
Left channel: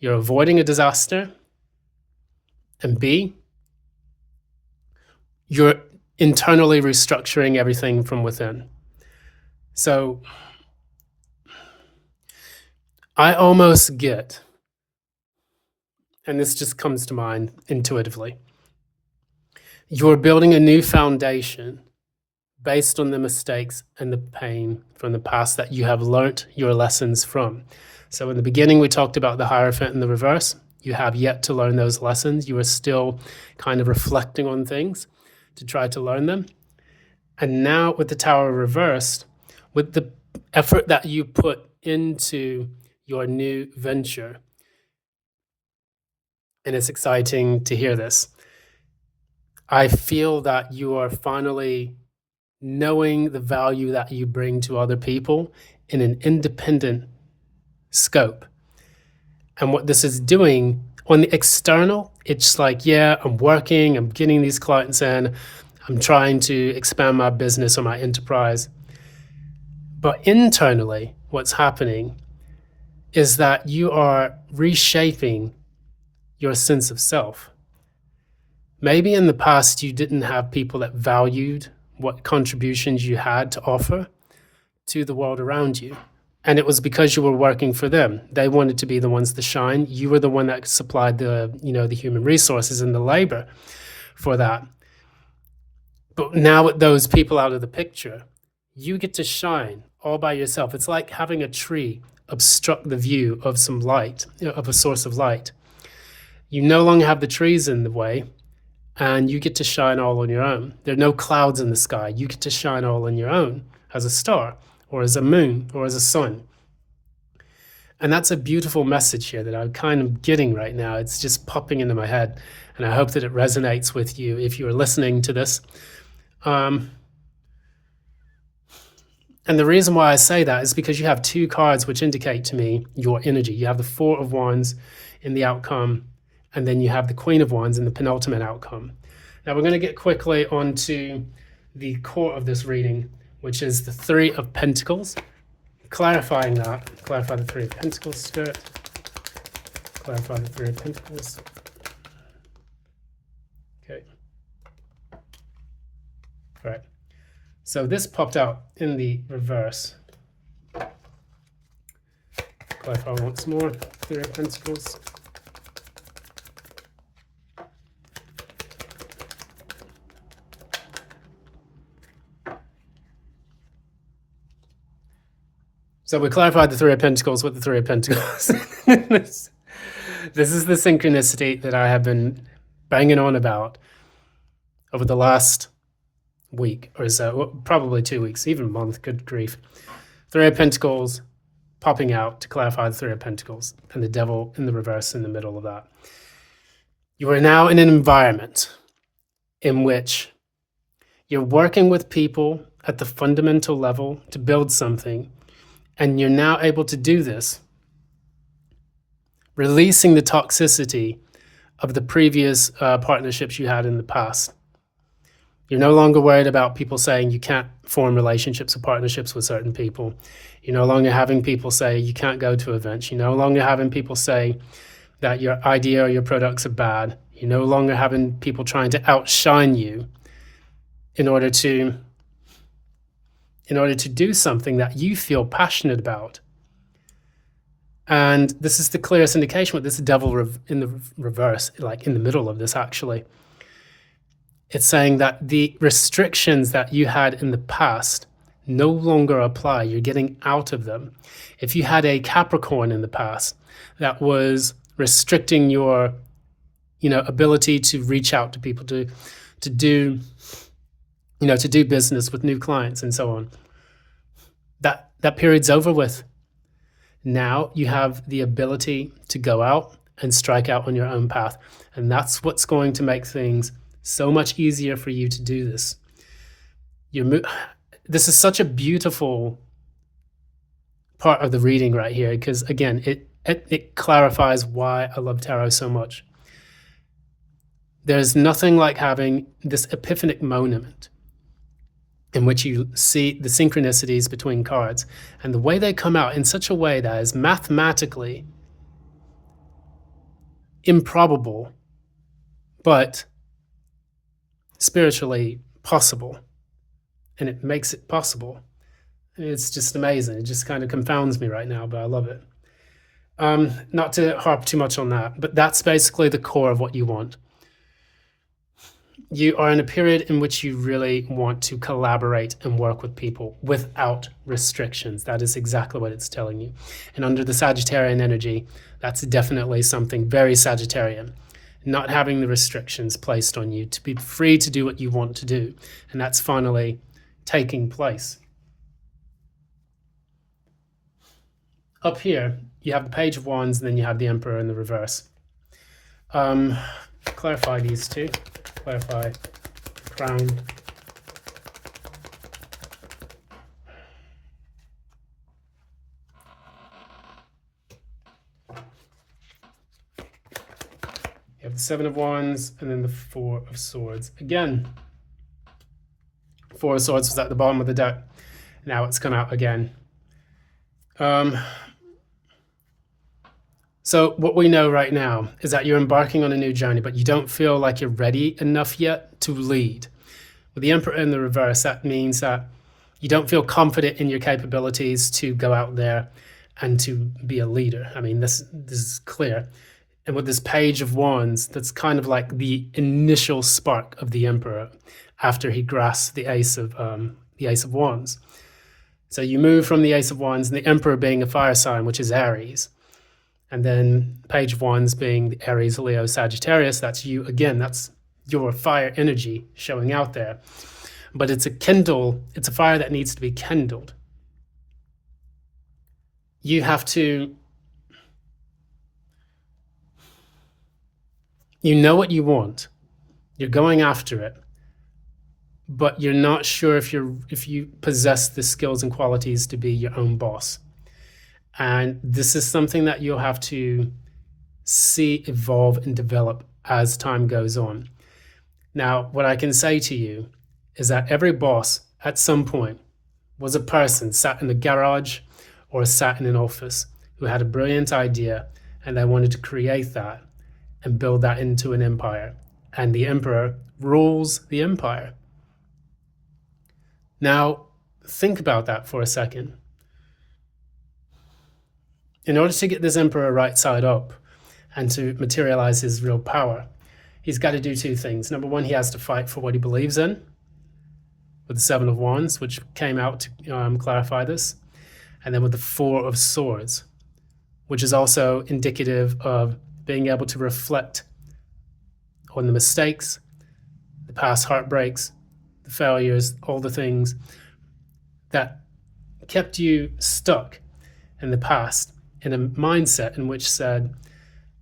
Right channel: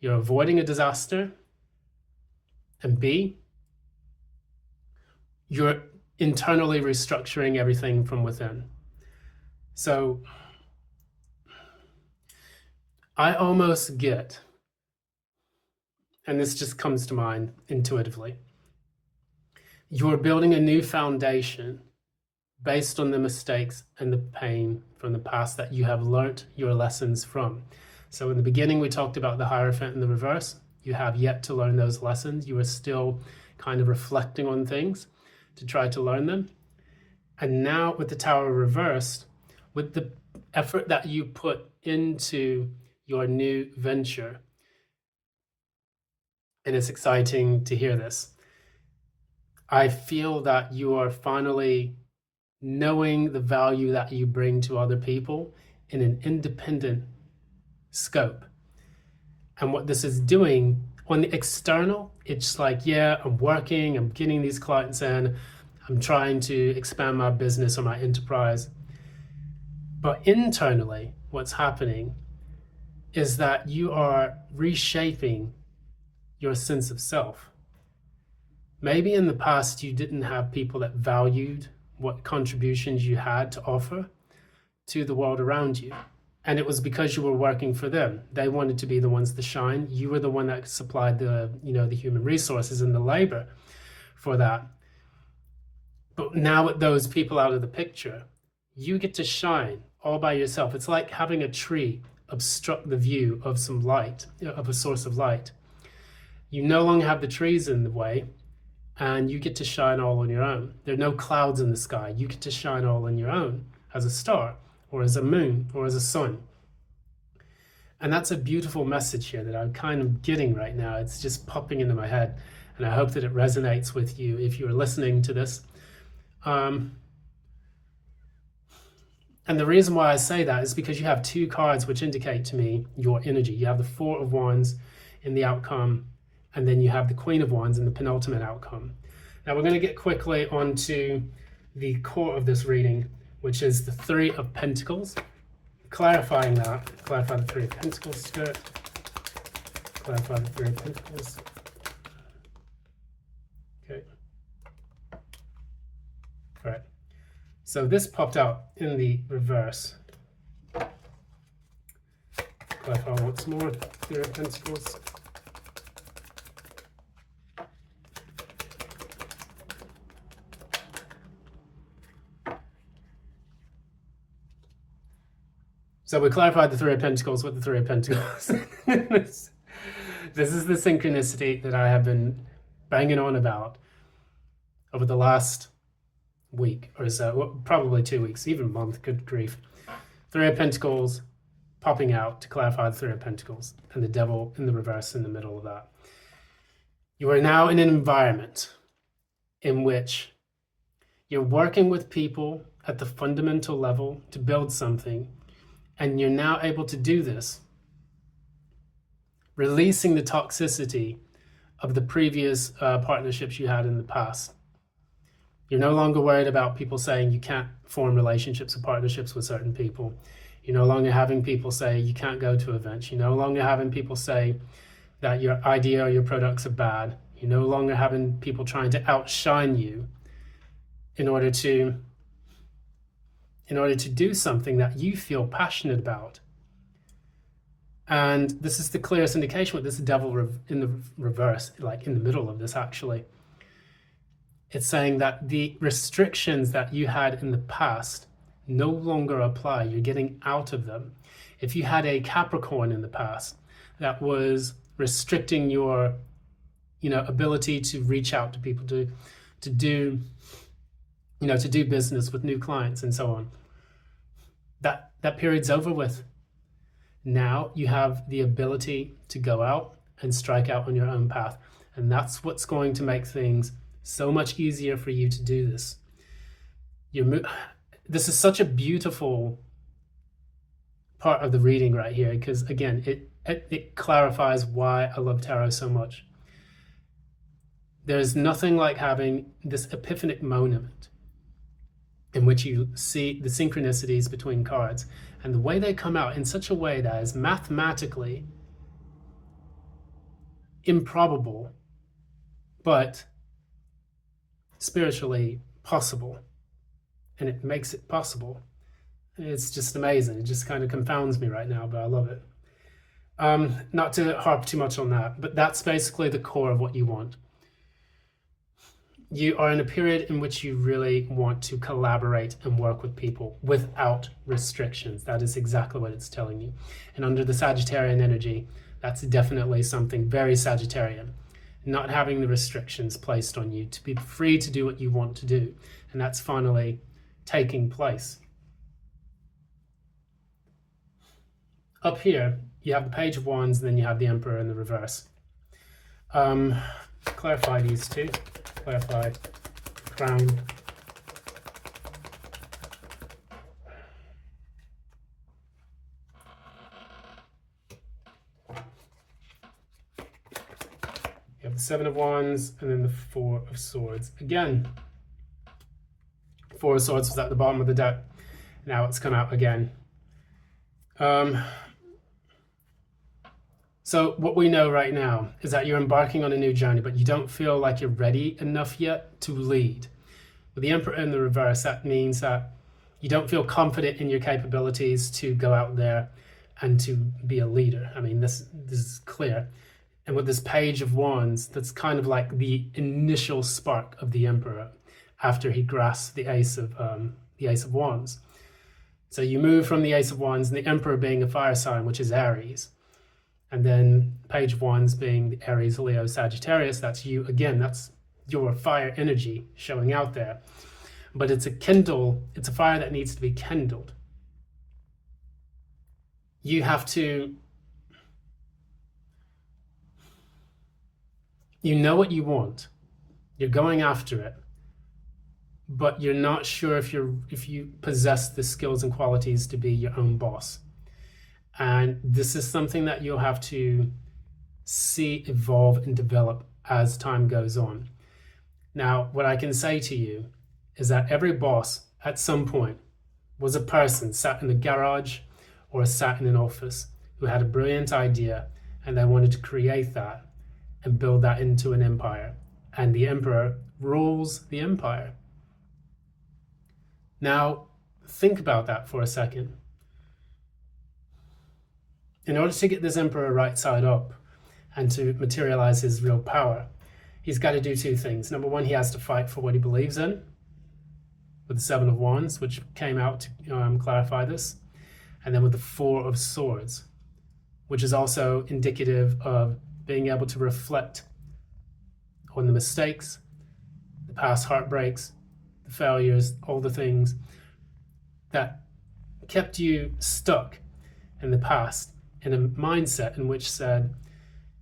you're avoiding a disaster, and B, you're internally restructuring everything from within. So I almost get, and this just comes to mind intuitively, you're building a new foundation based on the mistakes and the pain from the past that you have learnt your lessons from. So in the beginning, we talked about the Hierophant in the reverse. You have yet to learn those lessons. You are still kind of reflecting on things to try to learn them. And now with the Tower reversed, with the effort that you put into your new venture, and it's exciting to hear this. I feel that you are finally knowing the value that you bring to other people in an independent scope. And what this is doing on the external, it's like, yeah, I'm working, I'm getting these clients in, I'm trying to expand my business or my enterprise. But internally, what's happening is that you are reshaping your sense of self. Maybe in the past you didn't have people that valued what contributions you had to offer to the world around you. And it was because you were working for them. They wanted to be the ones to shine. You were the one that supplied the human resources and the labor for that. But now with those people out of the picture, you get to shine all by yourself. It's like having a tree obstruct the view of some light, of a source of light. You no longer have the trees in the way, and you get to shine all on your own. There are no clouds in the sky. You get to shine all on your own as a star or as a moon or as a sun. And that's a beautiful message here that I'm kind of getting right now. It's just popping into my head, and I hope that it resonates with you if you are listening to this. And the reason why I say that is because you have two cards which indicate to me your energy. You have the Four of Wands in the outcome, and then you have the Queen of Wands in the penultimate outcome. Now we're going to get quickly onto the core of this reading, which is the Three of Pentacles. Clarifying that, clarify the Three of Pentacles, Spirit. Clarify the Three of Pentacles. Okay. All right. So this popped out in the reverse. Clarify once more, Three of Pentacles. So we clarified the Three of Pentacles with the Three of Pentacles. This is the synchronicity that I have been banging on about over the last week or so, probably 2 weeks, even a month, good grief. Three of Pentacles popping out to clarify the Three of Pentacles, and the Devil in the reverse in the middle of that. You are now in an environment in which you're working with people at the fundamental level to build something, and you're now able to do this, releasing the toxicity of the previous partnerships you had in the past. You're no longer worried about people saying you can't form relationships or partnerships with certain people. You're no longer having people say you can't go to events. You're no longer having people say that your idea or your products are bad. You're no longer having people trying to outshine you in order to do something that you feel passionate about. And this is the clearest indication with this Devil in the reverse, like in the middle of this actually. It's saying that the restrictions that you had in the past no longer apply. You're getting out of them. If you had a Capricorn in the past that was restricting your, ability to reach out to people, to do business with new clients and so on, that period's over with. Now you have the ability to go out and strike out on your own path. And that's what's going to make things so much easier for you to do this. This is such a beautiful part of the reading right here, because again, it clarifies why I love tarot so much. There's nothing like having this epiphanic moment in which you see the synchronicities between cards and the way they come out in such a way that is mathematically improbable, but spiritually possible, and it makes it possible. It's just amazing. It just kind of confounds me right now, but I love it. Not to harp too much on that, but that's basically the core of what you want. You are in a period in which you really want to collaborate and work with people without restrictions. That is exactly what it's telling you. And under the Sagittarian energy, that's definitely something very Sagittarian. Not having the restrictions placed on you, to be free to do what you want to do. And that's finally taking place. Up here, you have the Page of Wands, and then you have the Emperor in the reverse. Clarify these two. Clarify crown. You have the Seven of Wands and then the Four of Swords. Again, Four of Swords was at the bottom of the deck. Now it's come out again. So what we know right now is that you're embarking on a new journey, but you don't feel like you're ready enough yet to lead. With the Emperor in the reverse, that means that you don't feel confident in your capabilities to go out there and to be a leader. I mean, this is clear. And with this Page of Wands, that's kind of like the initial spark of the Emperor after he grasps the Ace of Wands. So you move from the Ace of Wands and the Emperor being a fire sign, which is Aries. And then Page of Wands being the Aries, Leo, Sagittarius. That's you again. That's your fire energy showing out there. But it's a fire that needs to be kindled. You have to, you know what you want. You're going after it. But you're not sure if you possess the skills and qualities to be your own boss. And this is something that you'll have to see evolve and develop as time goes on. Now, what I can say to you is that every boss at some point was a person sat in a garage or sat in an office who had a brilliant idea and they wanted to create that and build that into an empire. And the Emperor rules the empire. Now, think about that for a second. In order to get this Emperor right side up and to materialize his real power, he's got to do two things. Number one, he has to fight for what he believes in with the Seven of Wands, which came out to clarify this. And then with the Four of Swords, which is also indicative of being able to reflect on the mistakes, the past heartbreaks, the failures, all the things that kept you stuck in the past in a mindset in which said,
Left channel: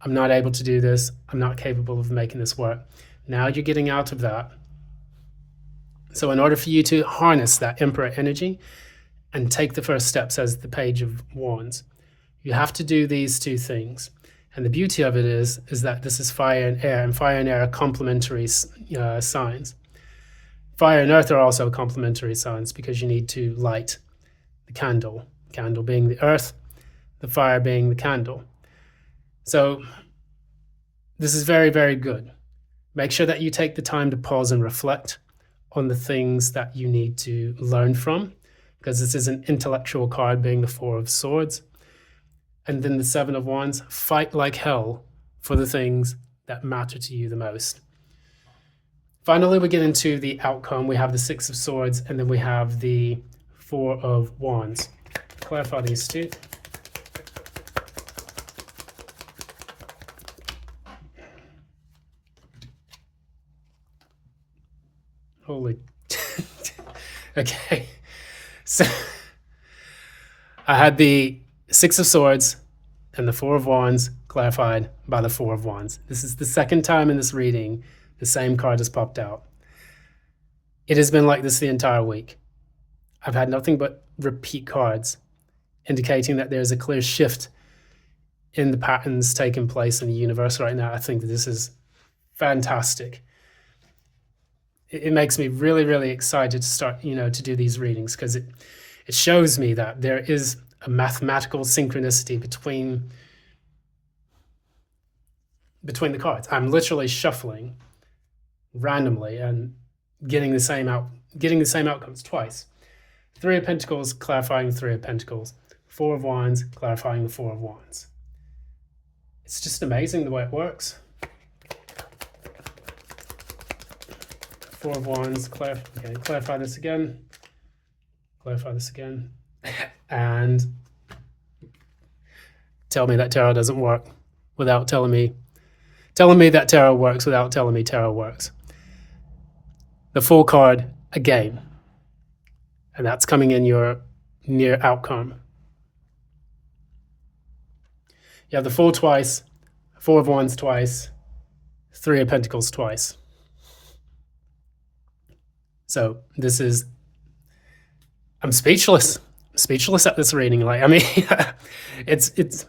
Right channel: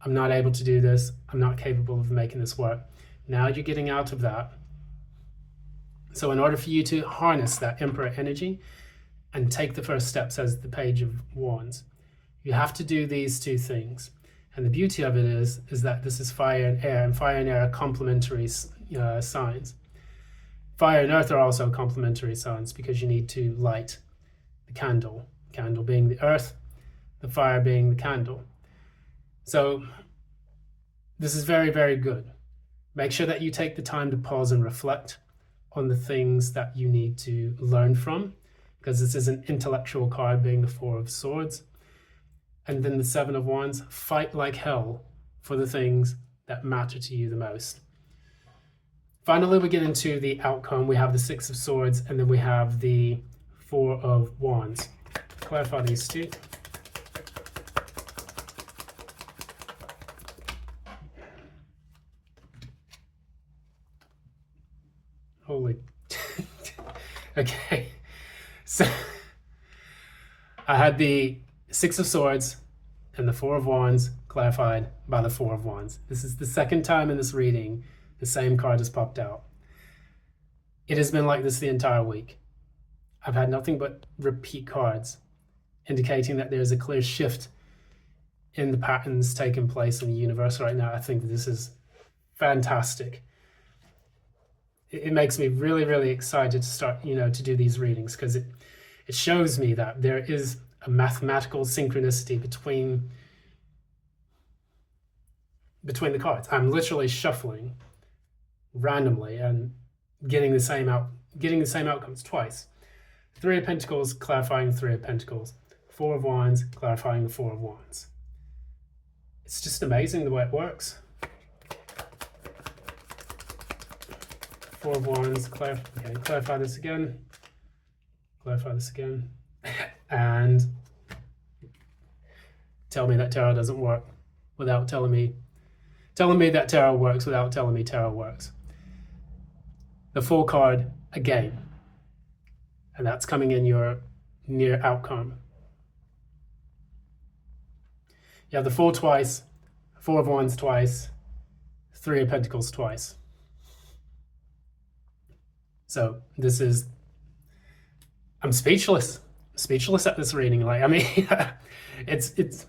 I'm not able to do this, I'm not capable of making this work. Now you're getting out of that. So in order for you to harness that Emperor energy and take the first steps as the Page of Wands, you have to do these two things. And the beauty of it is that this is fire and fire and air are complementary signs. Fire and earth are also complementary signs because you need to light the candle being the earth, the fire being the candle. So this is very, very good. Make sure that you take the time to pause and reflect on the things that you need to learn from, because this is an intellectual card being the Four of Swords. And then the Seven of Wands, fight like hell for the things that matter to you the most. Finally, we get into the outcome. We have the Six of Swords, and then we have the Four of Wands. Clarify these two. Holy. Okay. So I had the Six of Swords and the Four of Wands clarified by the Four of Wands. This is the second time in this reading the same card has popped out. It has been like this the entire week. I've had nothing but repeat cards indicating that there's a clear shift in the patterns taking place in the universe right now. I think that this is fantastic. It makes me really, really excited to start, to do these readings, because it shows me that there is a mathematical synchronicity between the cards. I'm literally shuffling randomly and getting the same outcomes twice. Three of Pentacles clarifying Three of Pentacles. Four of Wands clarifying the Four of Wands. It's just amazing the way it works. Four of Wands, clarify this again. Clarify this again. And tell me that tarot doesn't work without telling me that tarot works without telling me tarot works. The Fool card again. And that's coming in your near outcome. You have the Fool twice, Four of Wands twice, Three of Pentacles twice. So this is, I'm speechless. Speechless at this reading. Like, I mean, it's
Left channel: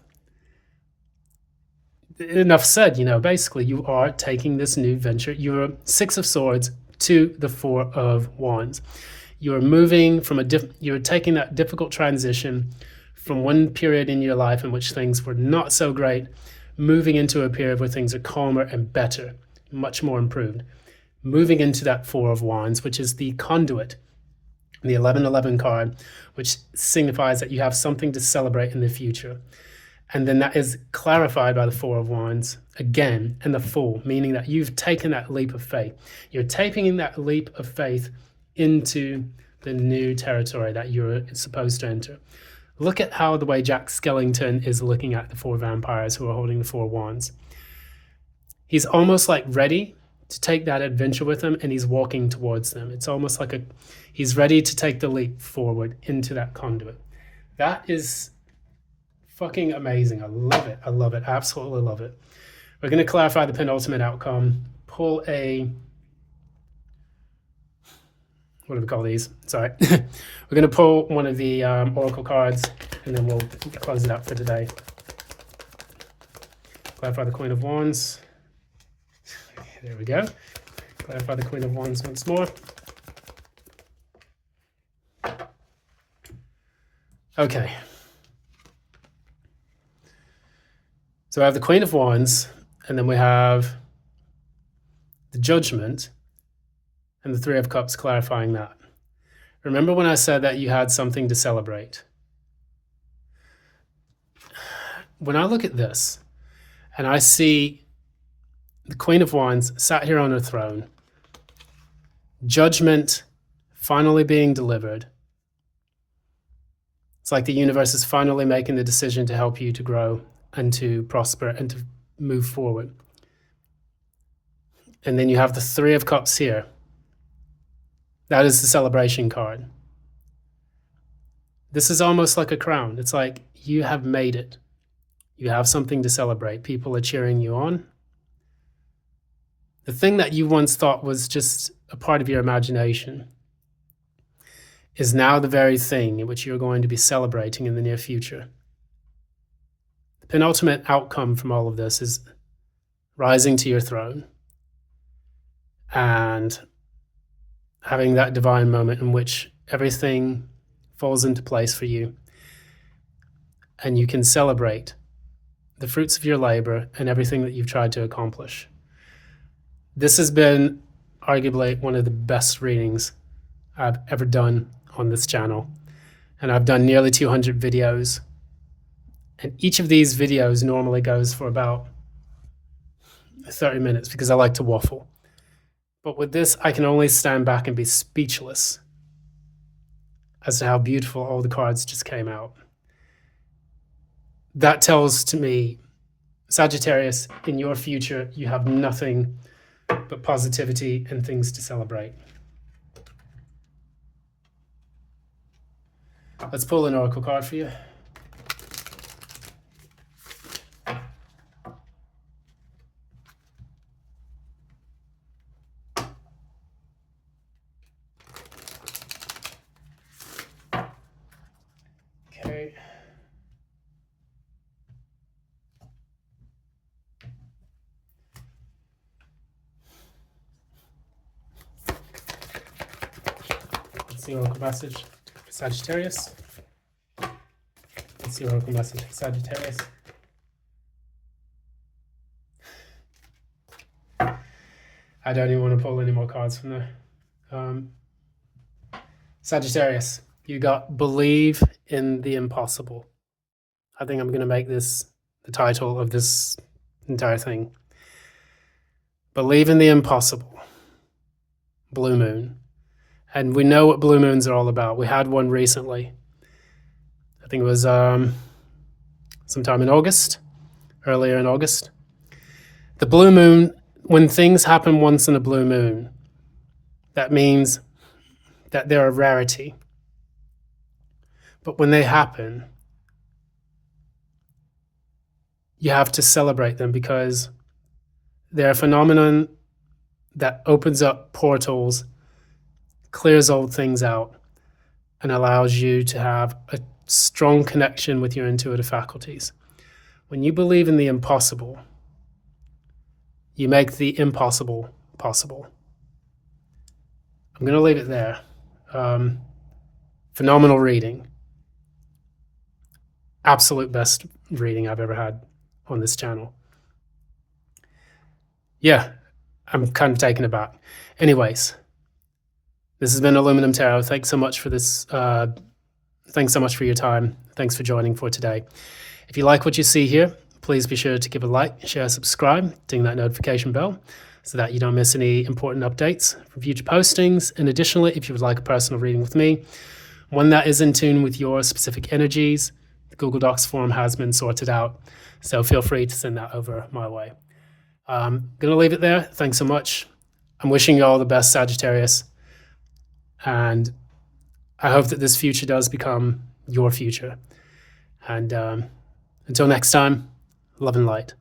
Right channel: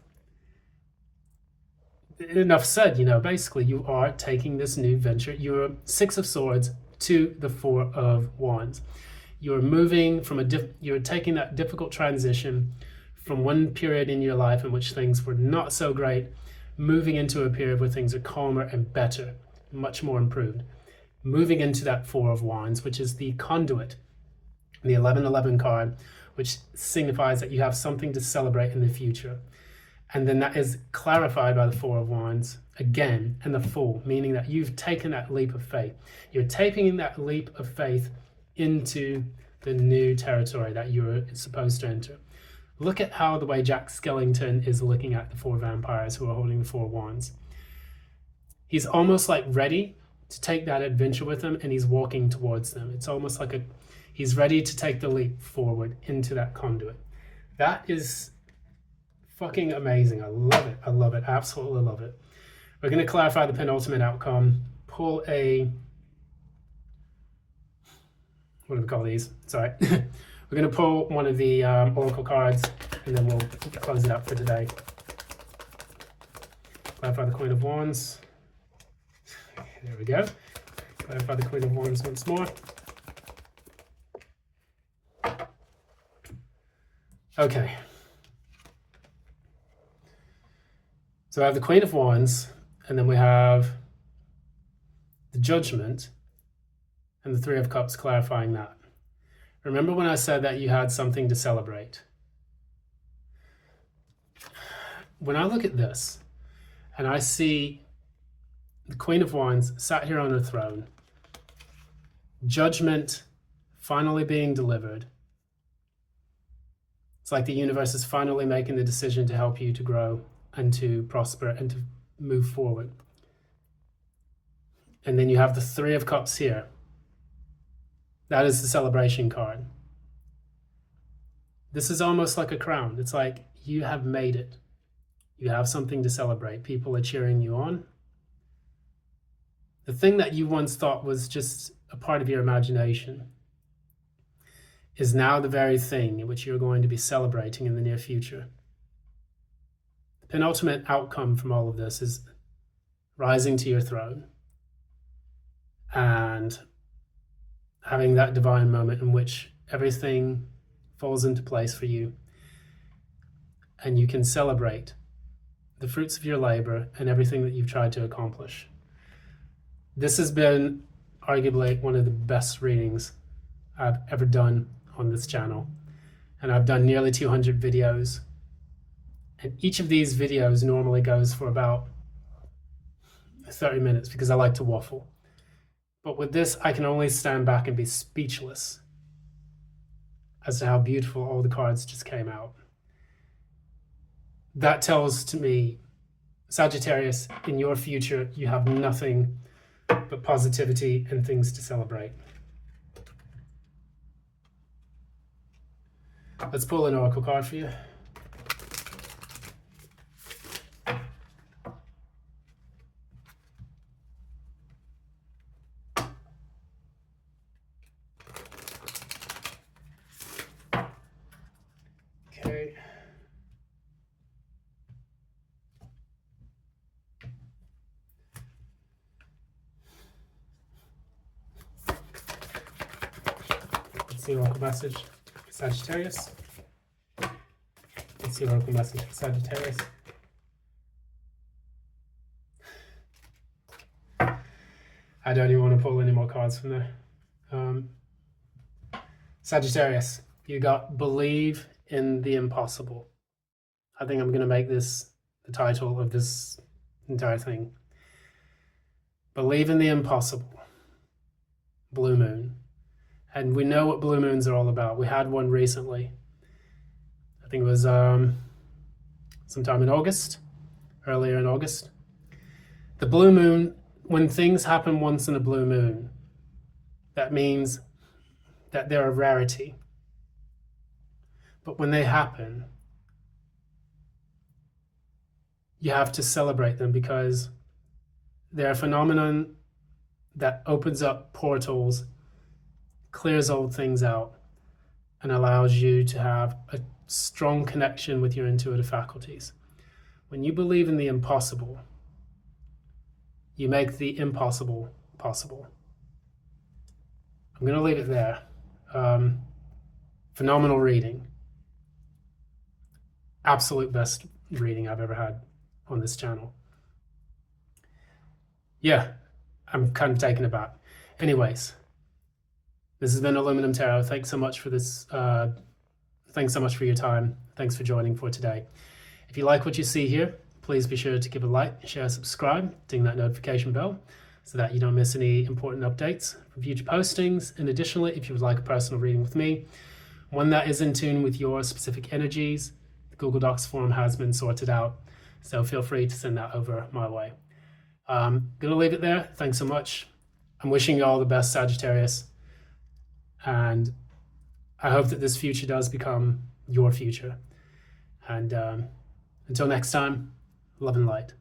enough said, you know, basically you are taking this new venture. You are Six of Swords to the Four of Wands. You are moving from you're taking that difficult transition from one period in your life in which things were not so great, moving into a period where things are calmer and better, much more improved. Moving into that Four of Wands, which is the conduit, the 1111 card, which signifies that you have something to celebrate in the future. And then that is clarified by the Four of Wands again, and the Fool, meaning that you've taken that leap of faith. You're taking that leap of faith into the new territory that you're supposed to enter. Look at how the way Jack Skellington is looking at the four vampires who are holding the Four of Wands. He's almost like ready to take that adventure with them, and he's walking towards them. It's almost like he's ready to take the leap forward into that conduit. That is fucking amazing. I love it. I love it. Absolutely love it. We're going to clarify the penultimate outcome. Pull a, what do we call these? Sorry. We're going to pull one of the oracle cards, and then we'll close it up for today. Clarify the Queen of Wands. There we go. Clarify the Queen of Wands once more. Okay. So I have the Queen of Wands, and then we have the Judgment, and the Three of Cups clarifying that. Remember when I said that you had something to celebrate? When I look at this, and I see the Queen of Wands sat here on her throne, Judgment finally being delivered. It's like the universe is finally making the decision to help you to grow and to prosper and to move forward. And then you have the Three of Cups here. That is the celebration card. This is almost like a crown. It's like you have made it. You have something to celebrate. People are cheering you on. The thing that you once thought was just a part of your imagination is now the very thing in which you're going to be celebrating in the near future. The penultimate outcome from all of this is rising to your throne and having that divine moment in which everything falls into place for you, and you can celebrate the fruits of your labor and everything that you've tried to accomplish. This has been arguably one of the best readings I've ever done on this channel, and I've done nearly 200 videos, and each of these videos normally goes for about 30 minutes because I like to waffle. But with this, I can only stand back and be speechless as to how beautiful all the cards just came out. That tells to me, Sagittarius, in your future, you have nothing but positivity and things to celebrate. Let's pull an oracle card for you. Okay. Let's see oracle message for Sagittarius. Let's see oracle message for Sagittarius. I don't even want to pull any more cards from there. Sagittarius, you got believe in the impossible. I think I'm going to make this the title of this entire thing. Believe in the impossible. Blue moon. And we know what blue moons are all about. We had one recently. I think it was sometime in August, earlier in August. The blue moon, when things happen once in a blue moon, that means that they're a rarity. But when they happen, you have to celebrate them because They're a phenomenon that opens up portals, clears old things out, and allows you to have a strong connection with your intuitive faculties. When you believe in the impossible, you make the impossible possible. I'm going to leave it there. Phenomenal reading. Absolute best reading I've ever had on this channel. Yeah, I'm kind of taken aback. Anyways, this has been Aluminum Tarot. Thanks so much for this. Thanks so much for your time. Thanks for joining for today. If you like what you see here, please be sure to give a like, share, subscribe, ding that notification bell so that you don't miss any important updates from future postings. And additionally, if you would like a personal reading with me, one that is in tune with your specific energies, the Google Docs form has been sorted out, so feel free to send that over my way. I'm going to leave it there. Thanks so much. I'm wishing you all the best, Sagittarius, and I hope that this future does become your future. And until next time, love and light.